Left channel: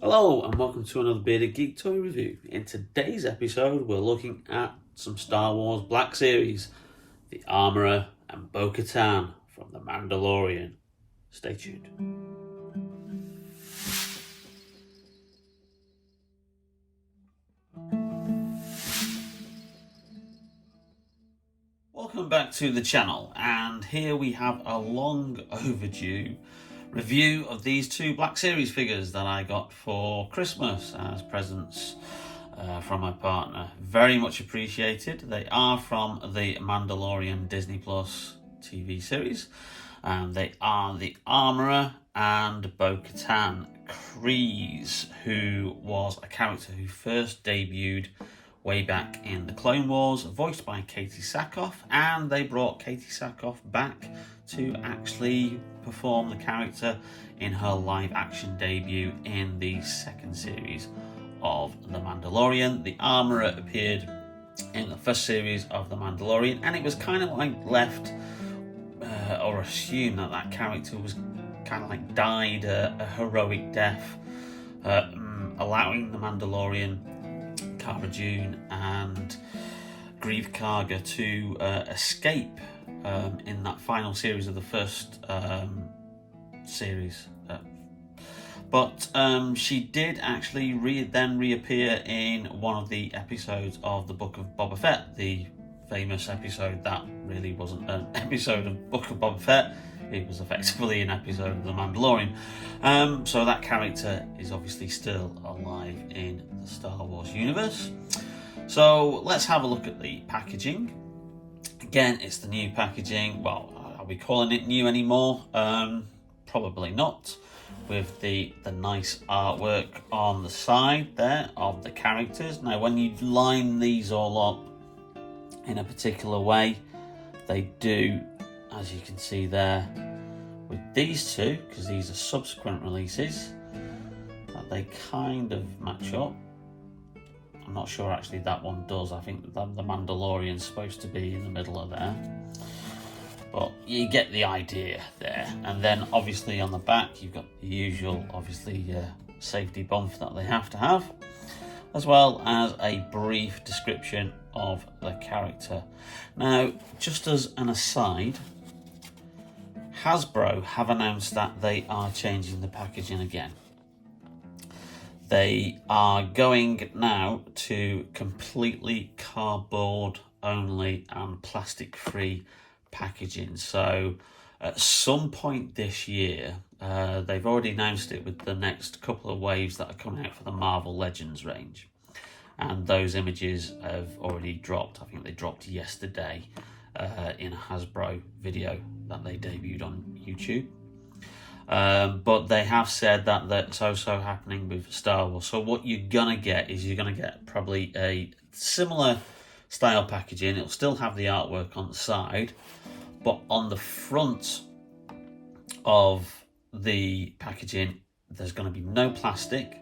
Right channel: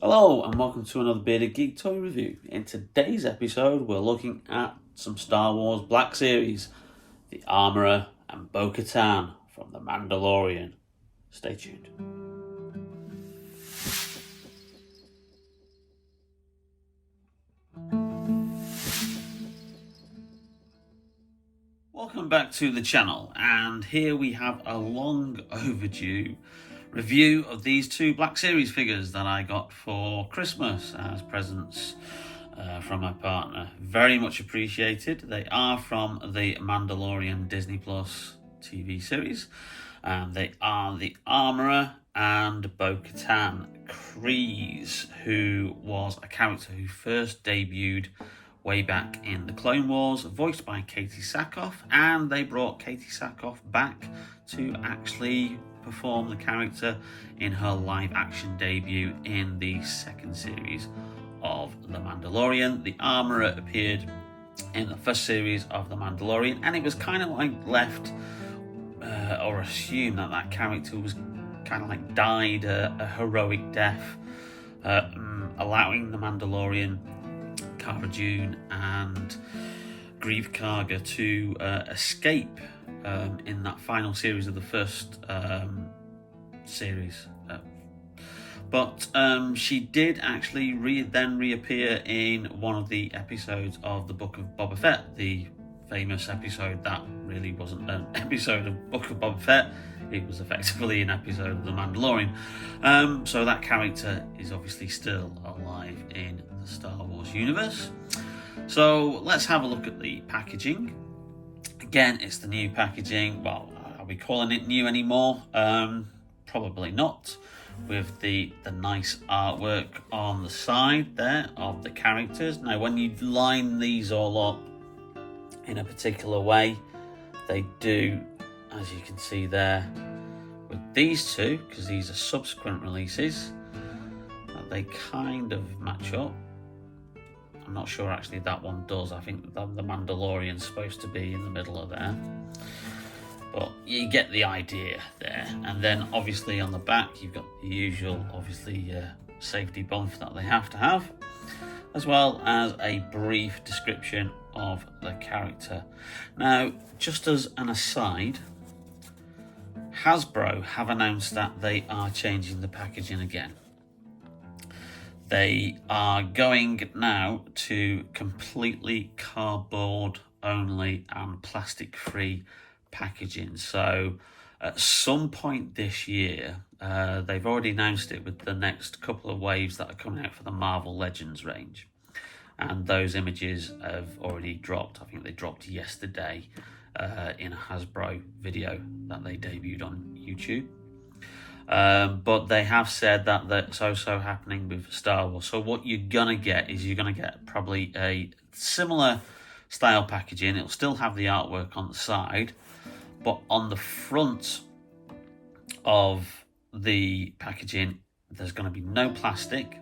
Hello and welcome to another Bearded Geek Toy Review. In today's episode we're looking at some Star Wars Black Series, the Armorer and Bo-Katan from the Mandalorian. Stay tuned. Welcome back to the channel, and here we have a long overdue review of these two Black Series figures that I got for Christmas as presents from my partner. Very much appreciated. They are from the Mandalorian Disney Plus TV series, and they are the Armorer and Bo-Katan Kryze, who was a character who first debuted way back in the Clone Wars, voiced by Katie Sackhoff, and they brought Katie Sackhoff back to actually perform the character in her live action debut in the second series of The Mandalorian. The Armorer appeared in the first series of The Mandalorian, and it was kind of like left or assumed that that character was kind of like died a heroic death, allowing the Mandalorian, Cara Dune and Grief Karga to escape in that final series of the first series. But she did actually then reappear in one of the episodes of the Book of Boba Fett, the famous episode that really wasn't an episode of Book of Boba Fett. It was effectively an episode of The Mandalorian. So that character is obviously still alive in the Star Wars universe. So let's have a look at the packaging. Again, it's the new packaging. Well, are we calling it new anymore? Probably not. With the nice artwork on the side there of the characters. Now, when you line these all up in a particular way, they do, as you can see there, with these two, because these are subsequent releases, that they kind of match up. I'm not sure actually that one does. I think the Mandalorian's supposed to be in the middle of there. But you get the idea there. And then obviously on the back you've got the usual, obviously, safety bump that they have to have, as well as a brief description of the character. Now, just as an aside, Hasbro have announced that they are changing the packaging again. They are going now to completely cardboard only and plastic free packaging. So at some point this year, they've already announced it with the next couple of waves that are coming out for the Marvel Legends range, and those images have already dropped. I think they dropped yesterday in a Hasbro video that they debuted on YouTube. But they have said that that's also happening with Star Wars. So what you're gonna get is you're gonna get probably a similar style packaging. It'll still have the artwork on the side, but on the front of the packaging there's going to be no plastic.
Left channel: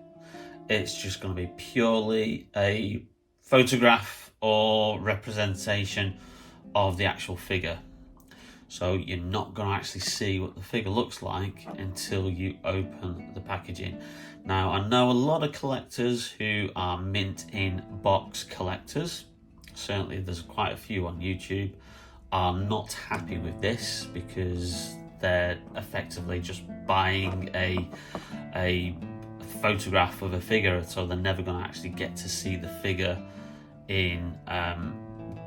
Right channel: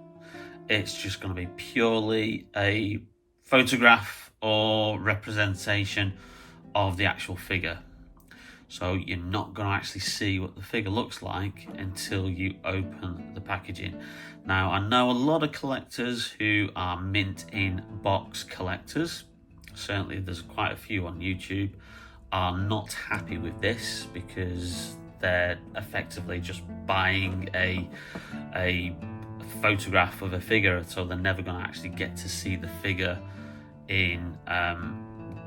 It's just going to be purely a photograph or representation of the actual figure. So you're not going to actually see what the figure looks like until you open the packaging. Now, I know a lot of collectors who are mint in box collectors, certainly there's quite a few on YouTube, are not happy with this because they're effectively just buying a photograph of a figure, so they're never going to actually get to see the figure in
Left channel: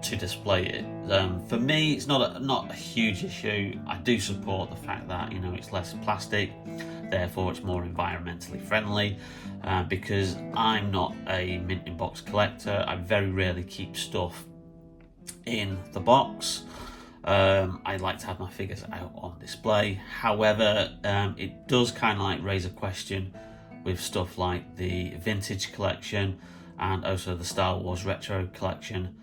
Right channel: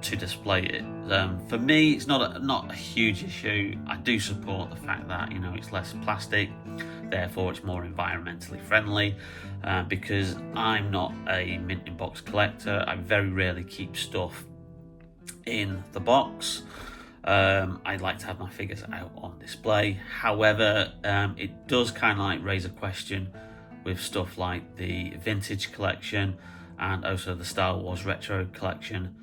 to display it. For me, it's not a huge issue. I do support the fact that, you know, it's less plastic, therefore it's more environmentally friendly, because I'm not a mint in box collector. I very rarely keep stuff in the box. I like to have my figures out on display. However, it does kind of like raise a question with stuff like the vintage collection and also the Star Wars retro collection,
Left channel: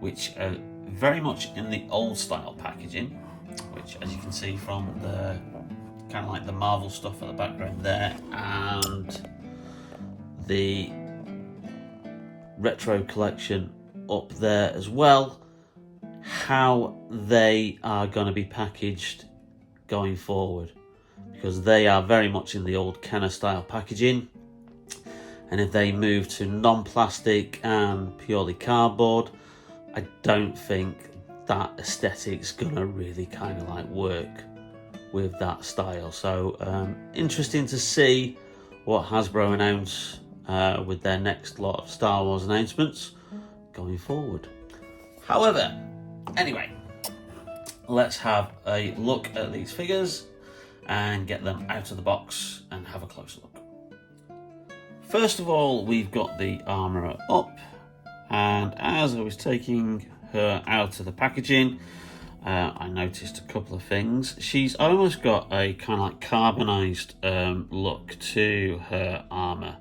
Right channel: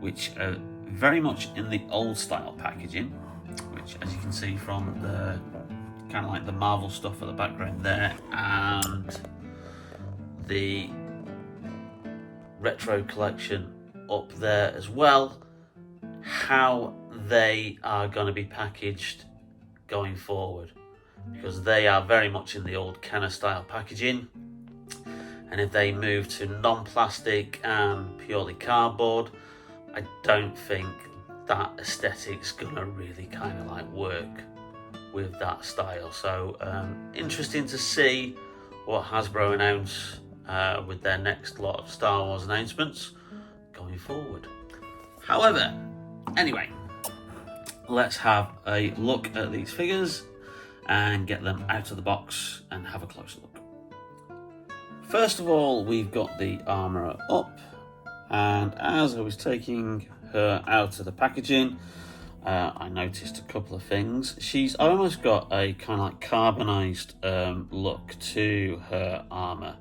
which are very much in the old style packaging, which, as you can see from the kind of like the Marvel stuff at the background there, and the retro collection up there as well, how they are going to be packaged going forward, because they are very much in the old Kenner style packaging. And if they move to non-plastic and purely cardboard, I don't think that aesthetic's gonna really kind of like work with that style. So interesting to see what Hasbro announce with their next lot of Star Wars announcements going forward. However, anyway, let's have a look at these figures and get them out of the box and have a closer look. First of all, we've got the Armorer up, and as I was taking her out of the packaging, I noticed a couple of things. She's almost got a kind of like carbonized look to her armor.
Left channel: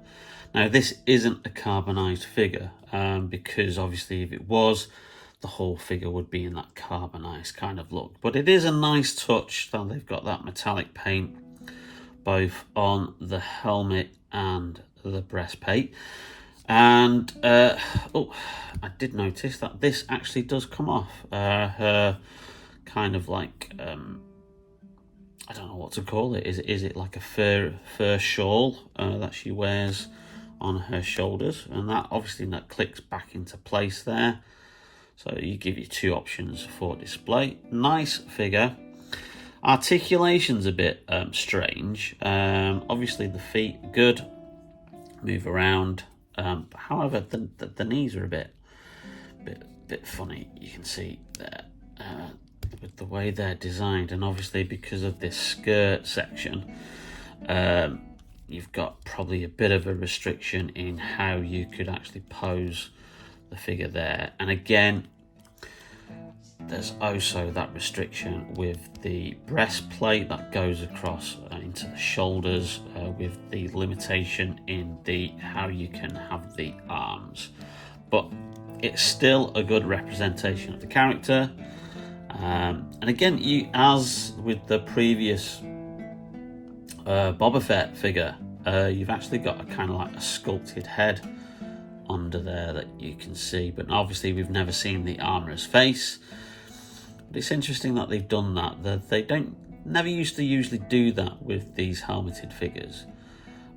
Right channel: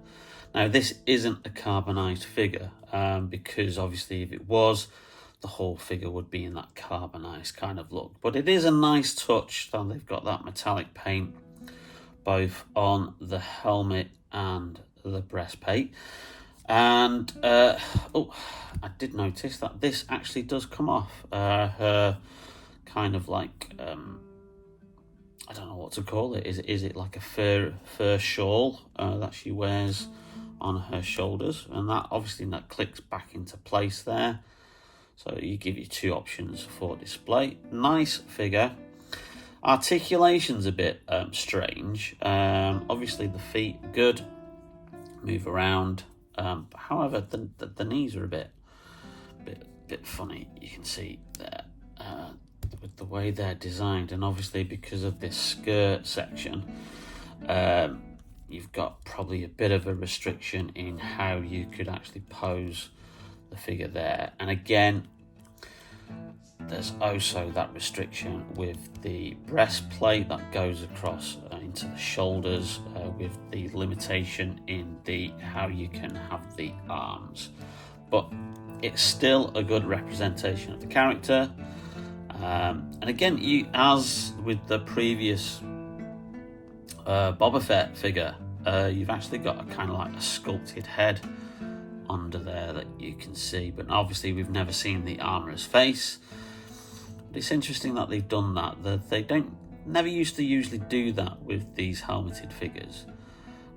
Now, this isn't a carbonized figure because obviously if it was, the whole figure would be in that carbonized kind of look. But it is a nice touch that they've got that metallic paint both on the helmet and the breastplate. And oh, I did notice that this actually does come off. Her kind of like I don't know what to call it. Is it like a fur shawl that she wears on her shoulders? And that obviously that clicks back into place there. So you give you two options for display. Nice figure. Articulation's a bit strange. Obviously the feet good, move around. However, the knees are a bit funny. You can see there with the way they're designed, and obviously because of this skirt section, you've got probably a bit of a restriction in how you could actually pose the figure there. And again, there's also that restriction with the breastplate that goes across into the shoulders, with the limitation in the how you can have the arms. But it's still a good representation of the character. And again, you, as with the previous Boba Fett figure, you've actually got a kind of like a sculpted head under there that you can see, but obviously we've never seen the armorer's face. But it's interesting that they've done that. They never used to usually do that with these helmeted figures,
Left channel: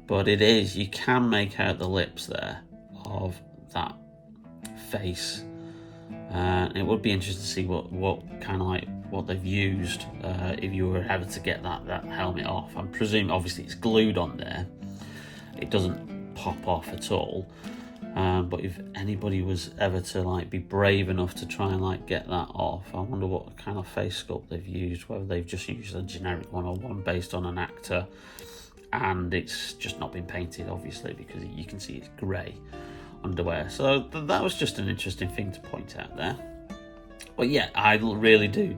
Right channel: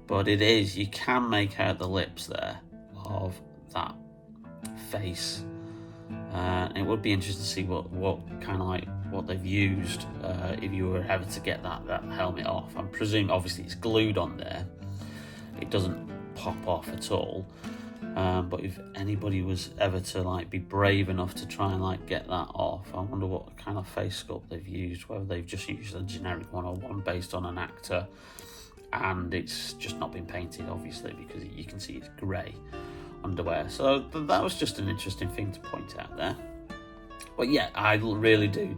but it is, you can make out the lips there of that face. It would be interesting to see what kind of like what they've used if you were ever to get that helmet off. I'm presuming obviously it's glued on there, it doesn't pop off at all. But if anybody was ever to like be brave enough to try and like get that off, I wonder what kind of face sculpt they've used, whether they've just used a generic one or one based on an actor and it's just not been painted, obviously, because you can see it's grey underwear. So that was just an interesting thing to point out there. But yeah, I really do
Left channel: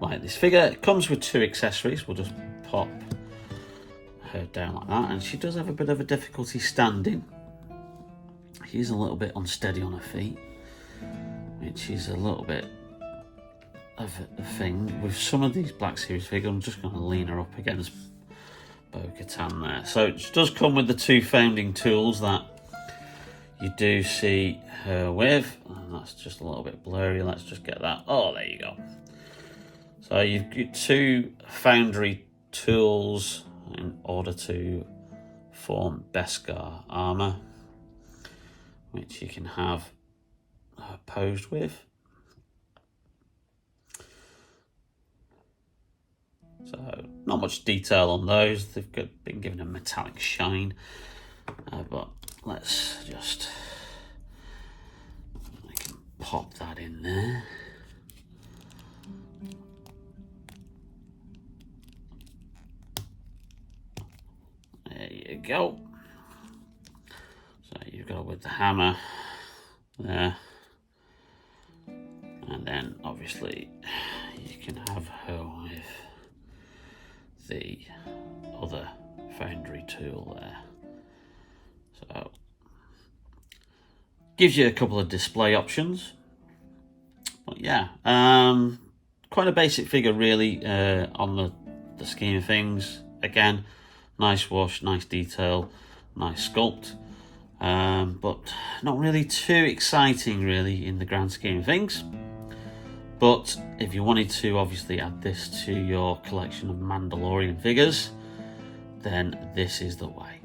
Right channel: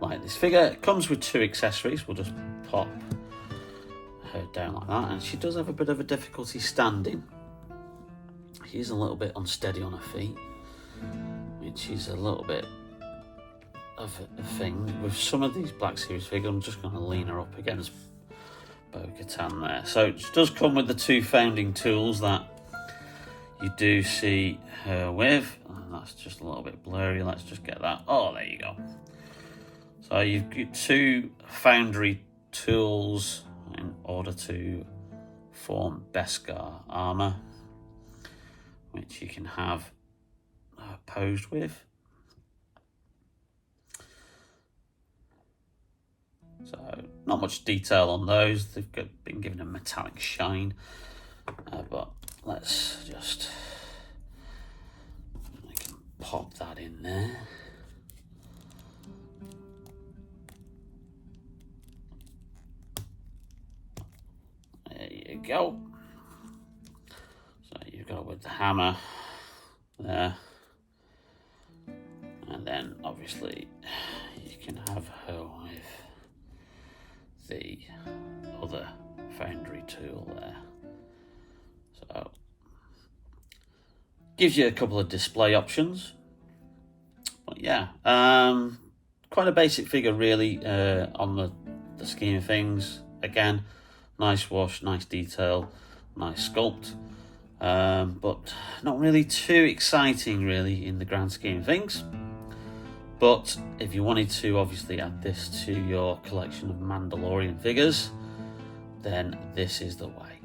like this figure. It comes with two accessories. We'll just pop her down like that, and she does have a bit of a difficulty standing. She's a little bit unsteady on her feet, which is a little bit of a thing. With some of these Black Series figures, I'm just going to lean her up against BoKatan there. So it does come with the two founding tools that you do see her with. And that's just a little bit blurry. Let's just get that. Oh, there you go. So you've got two foundry tools in order to form Beskar armor, which you can have posed with. So not much detail on those. They've been given a metallic shine, but let's just, I can pop that in there. There you go. So you've got it with the hammer there, and then obviously you can have her with the other foundry tool there. So gives you a couple of display options. But yeah, quite a basic figure really on the scheme of things. Again, nice wash, nice detail, nice sculpt. But not really too exciting really in the grand scheme of things. But if you wanted to obviously add this to your collection of Mandalorian figures, then this is the way.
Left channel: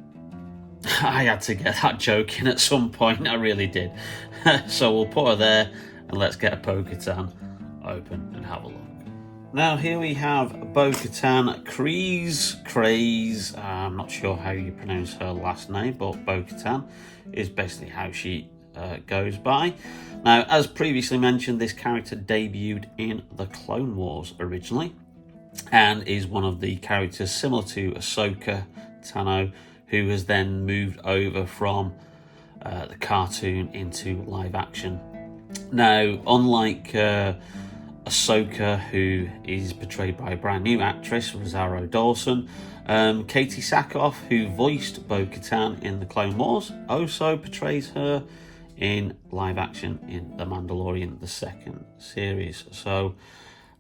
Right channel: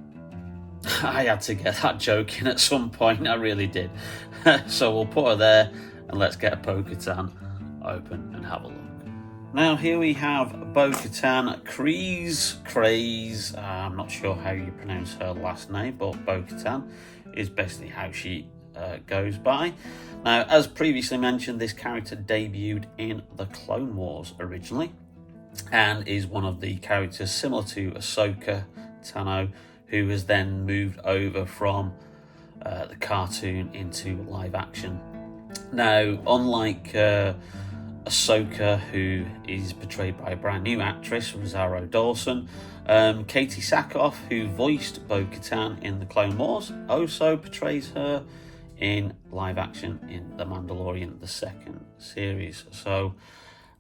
I had to get that joke in at some point, I really did. So we'll put her there and let's get a BoKatan open and have a look. Now here we have BoKatan Kryze. I'm not sure how you pronounce her last name, but BoKatan is basically how she goes by. Now, as previously mentioned, this character debuted in the Clone Wars originally, and is one of the characters similar to Ahsoka Tano, who has then moved over from the cartoon into live action. Now, unlike Ahsoka, who is portrayed by a brand new actress, Rosario Dawson, Katie Sackhoff, who voiced BoKatan in the Clone Wars, also portrays her in live action in The Mandalorian, the second series. So,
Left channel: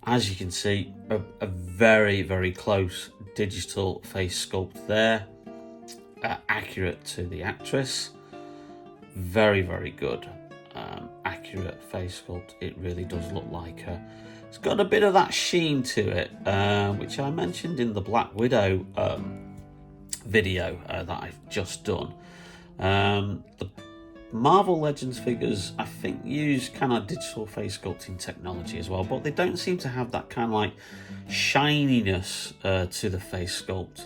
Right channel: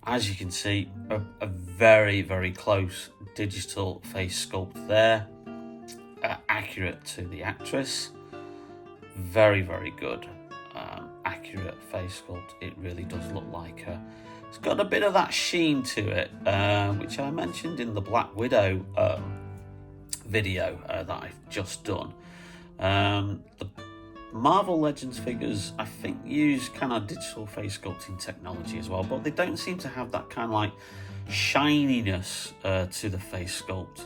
as you can see, a very, very close digital face sculpt there, accurate to the actress. Very, very good. Accurate face sculpt. It really does look like her. It's got a bit of that sheen to it, which I mentioned in the Black Widow video that I've just done. The Marvel Legends figures, I think, use kind of digital face sculpting technology as well, but they don't seem to have that kind of like shininess to the face sculpt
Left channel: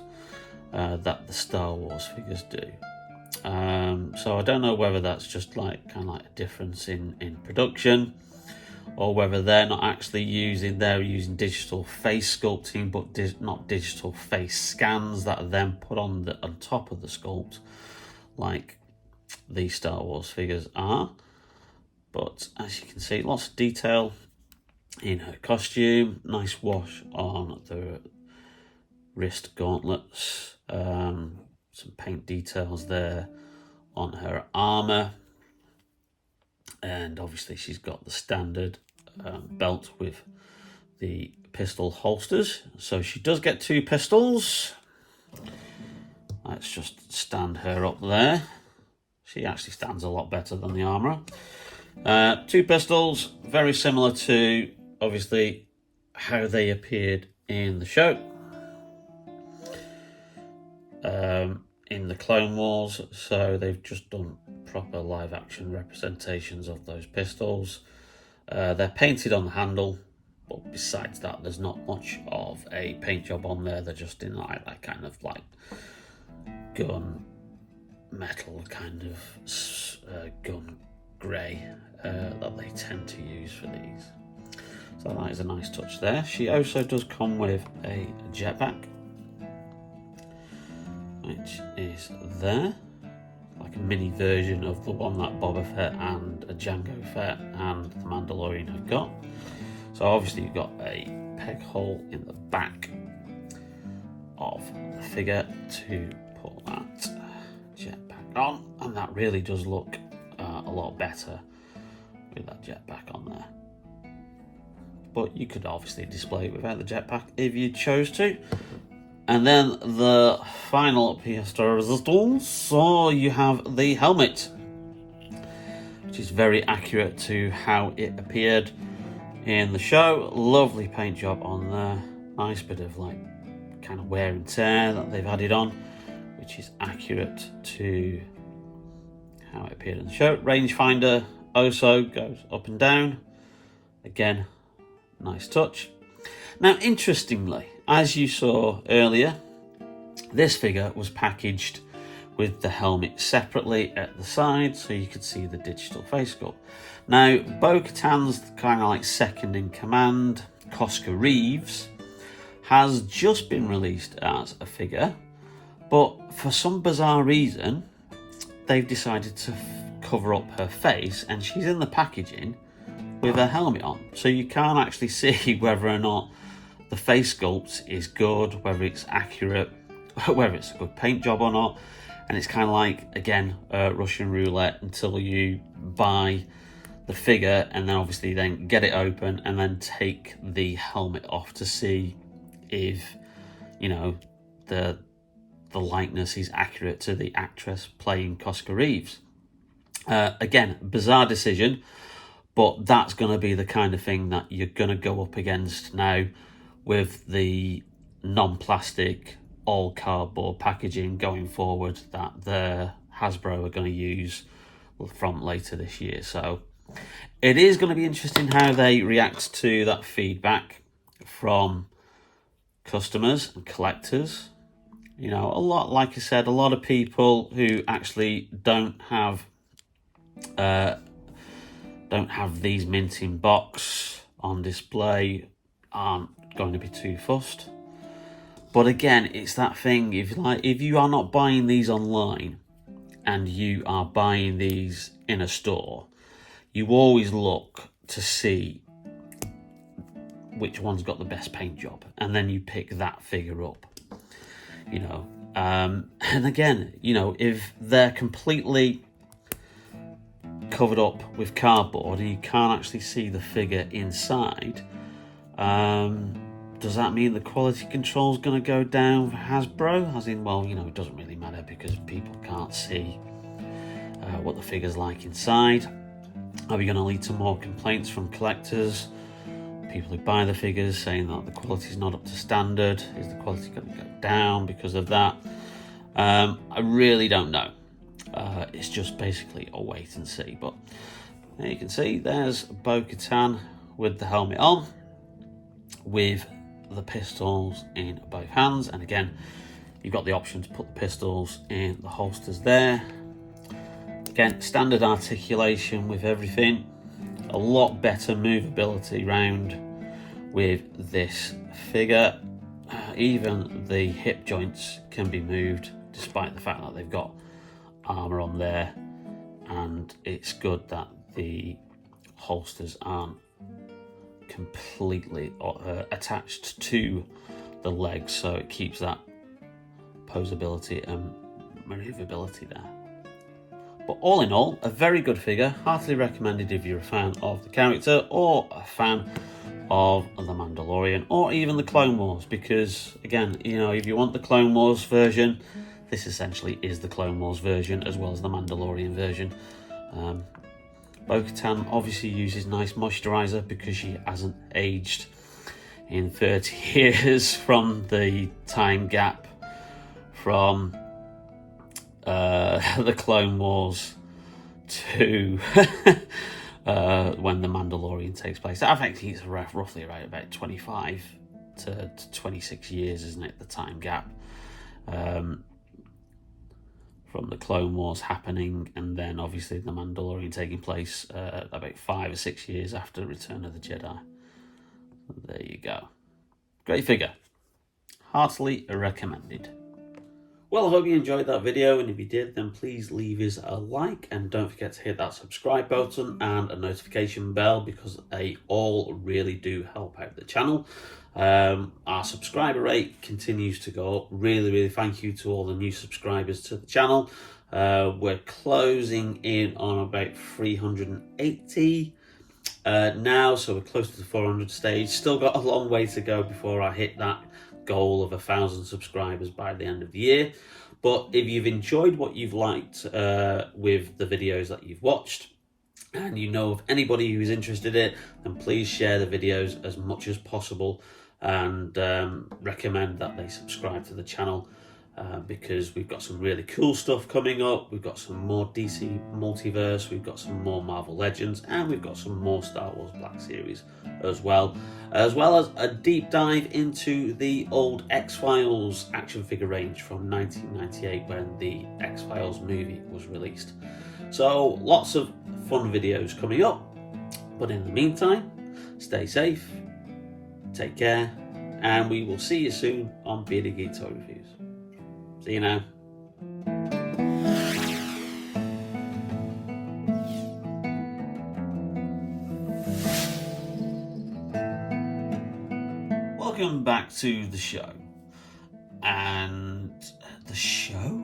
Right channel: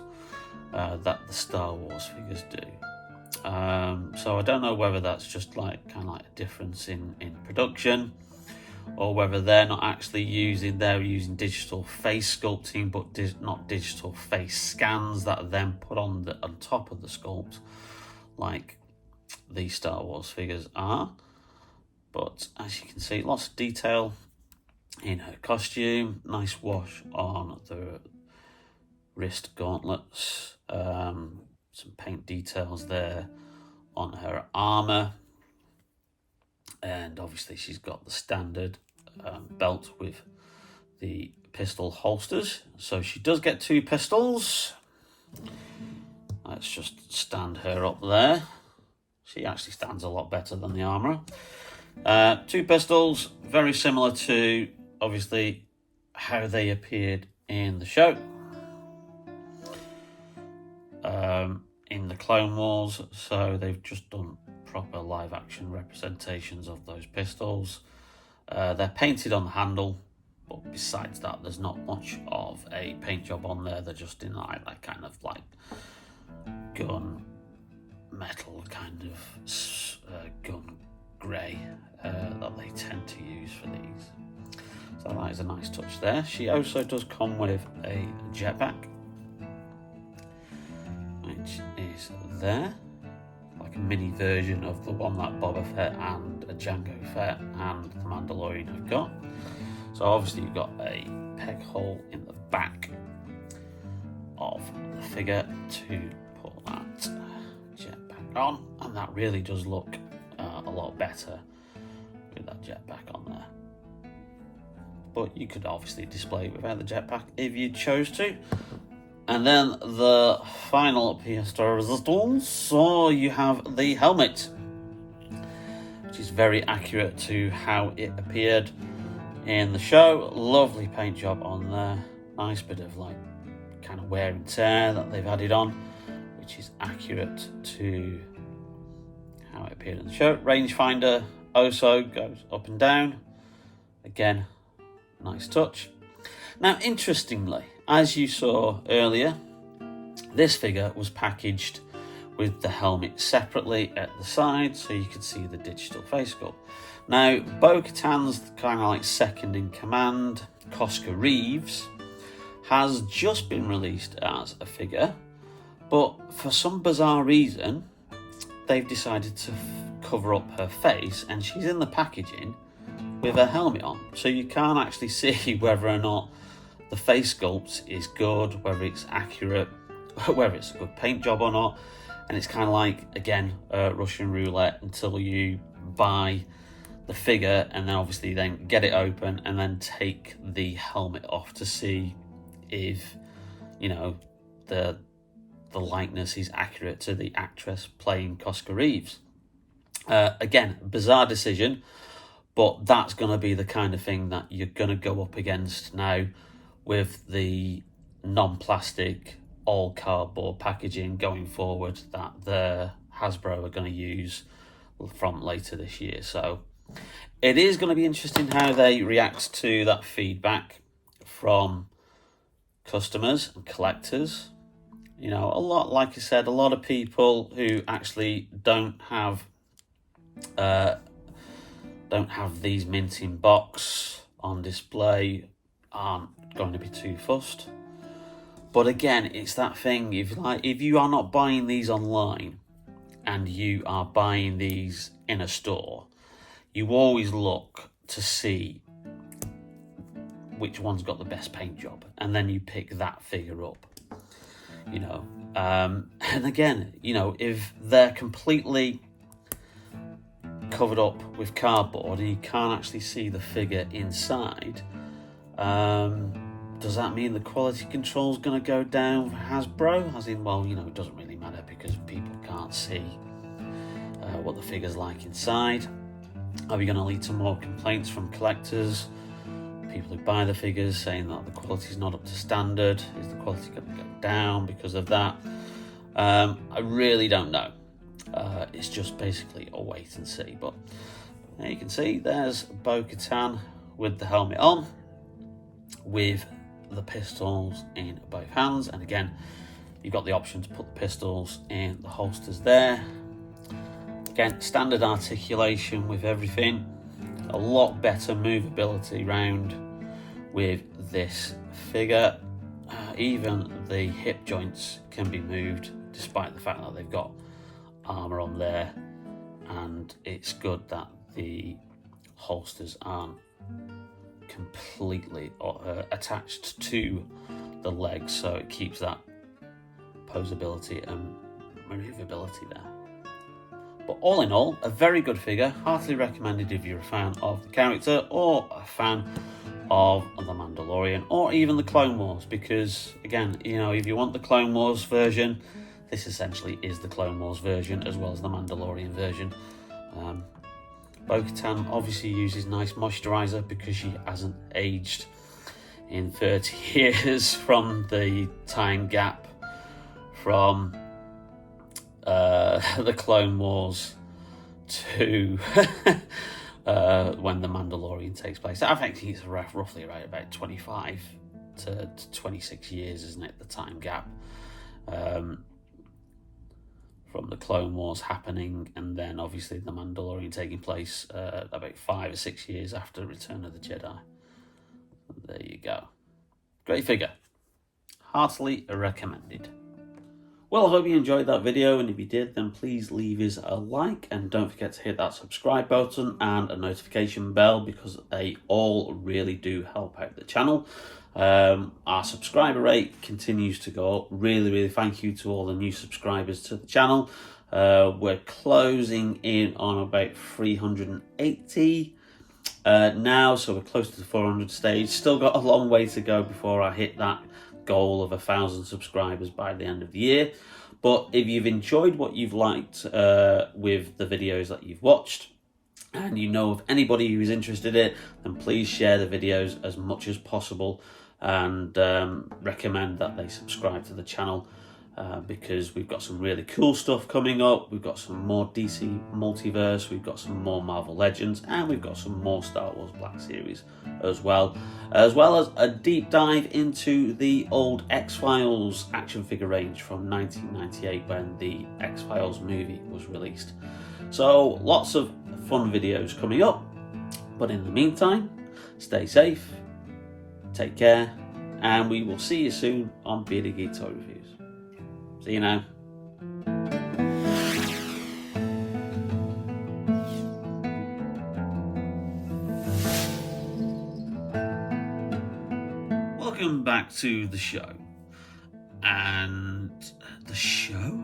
that the Star Wars figures do. So I don't know whether that's just like kind of like a difference in production, or whether they're not actually using digital face sculpting, but not digital face scans that are then put on top of the sculpt, like these Star Wars figures are. But as you can see, lots of detail in her costume. Nice wash on the wrist gauntlets. Some paint details there on her armor, and obviously she's got the standard belt with the pistol holsters, so she does get 2 pistols. Let's just stand her up there. She actually stands a lot better than the armor. 2 pistols, very similar to obviously how they appeared in the show. In the Clone Wars, so they've just done proper live action representations of those pistols. They're painted on the handle, but besides that there's not much of a paint job on there. They're just in like that kind of like gun metal kind of gun grey that they tend to use for these. So that is a nice touch there. She also does come with a jetpack, which is there, like a mini version of the one that Boba Fett and Jango Fett and the Mandalorian have got. So obviously you've got a peg hole in the back of the figure to put that jetpack on, and that really does look a lot better with that jetpack on there. But you could obviously display it without the jetpack if you chose to. And then the final piece de resistance, so you have the helmet, which is very accurate to how it appeared in the show. Lovely paint job on there. Nice bit of like kind of wear and tear that they've added on, which is accurate to how it appeared in the show. Rangefinder also goes up and down. Again, nice touch. Now, interestingly, as you saw earlier, this figure was packaged with the helmet separately at the side, so you could see the digital face sculpt. Now, Bo-Katan's kind of like second in command, Koska Reeves, has just been released as a figure, but for some bizarre reason, they've decided to cover up her face, and she's in the packaging with her helmet on, so you can't actually see whether or not the face sculpt is good, whether it's accurate, whether it's a good paint job or not. And it's kind of like, again, Russian roulette until you buy the figure and then obviously then get it open and then take the helmet off to see if, you know, the likeness is accurate to the actress playing Koska Reeves. Again, bizarre decision, but that's going to be the kind of thing that you're going to go up against now with the non-plastic all cardboard packaging going forward that the Hasbro are going to use from later this year. So it is going to be interesting how they react to that feedback from customers and collectors. You know, a lot, like I said, a lot of people who actually don't have these mint in box on display aren't going to be too fussed. But again, it's that thing, if you are not buying these online and you are buying these in a store, you always look to see which one's got the best paint job, and then you pick that figure up, you know. And again, you know, if they're completely covered up with cardboard and you can't actually see the figure inside, does that mean the quality control is going to go down for Hasbro? As in, well, you know, it doesn't really matter because people can't see what the figure's like inside. Are we going to lead to more complaints from collectors, people who buy the figures, saying that the quality's not up to standard? Is the quality going to go down because of that? I really don't know. It's just basically a wait and see. But there you can see there's BoKatan with the helmet on, with the pistols in both hands. And again, you've got the option to put the pistols in the holsters there. Again, standard articulation with everything. A lot better movability round with this figure. Even the hip joints can be moved, despite the fact that they've got armour on there. And it's good that the holsters aren't completely attached to the legs, so it keeps that posability and maneuverability there. But all in all, a very good figure. Heartily recommended if you're a fan of the character or a fan of the Mandalorian or even the Clone Wars, because again, you know, if you want the Clone Wars version, this essentially is the Clone Wars version as well as the Mandalorian version. BoKatan obviously uses nice moisturiser because she hasn't aged in 30 years from the time gap from the Clone Wars to when the Mandalorian takes place. I think it's roughly around about 25 to 26 years, isn't it, the time gap from the Clone Wars happening, and then obviously the Mandalorian taking place about 5 or 6 years after Return of the Jedi. There you go. Great figure. Heartily recommended. Well, I hope you enjoyed that video, and if you did, then please leave us a like, and don't forget to hit that subscribe button and a notification bell, because they all really do help out the channel. Our subscriber rate continues to go up. Really thank you to all the new subscribers to the channel. We're closing in on about 380 now, so we're close to the 400 stage. Still got a long way to go before I hit that goal of 1,000 subscribers by the end of the year. But if you've enjoyed what you've liked with the videos that you've watched, and you know of anybody who's interested in it, then please share the videos as much as possible, and recommend that they subscribe to the channel, because we've got some really cool stuff coming up. We've got some more DC Multiverse, we've got some more Marvel Legends, and we've got some more Star Wars Black Series as well as a deep dive into the old X-Files action figure range from 1998 when the X-Files movie was released. So lots of fun videos coming up, but in the meantime, stay safe, take care, and we will see you soon on Bearded Geek Toy Reviews. See you now. Welcome back to the show. And the show?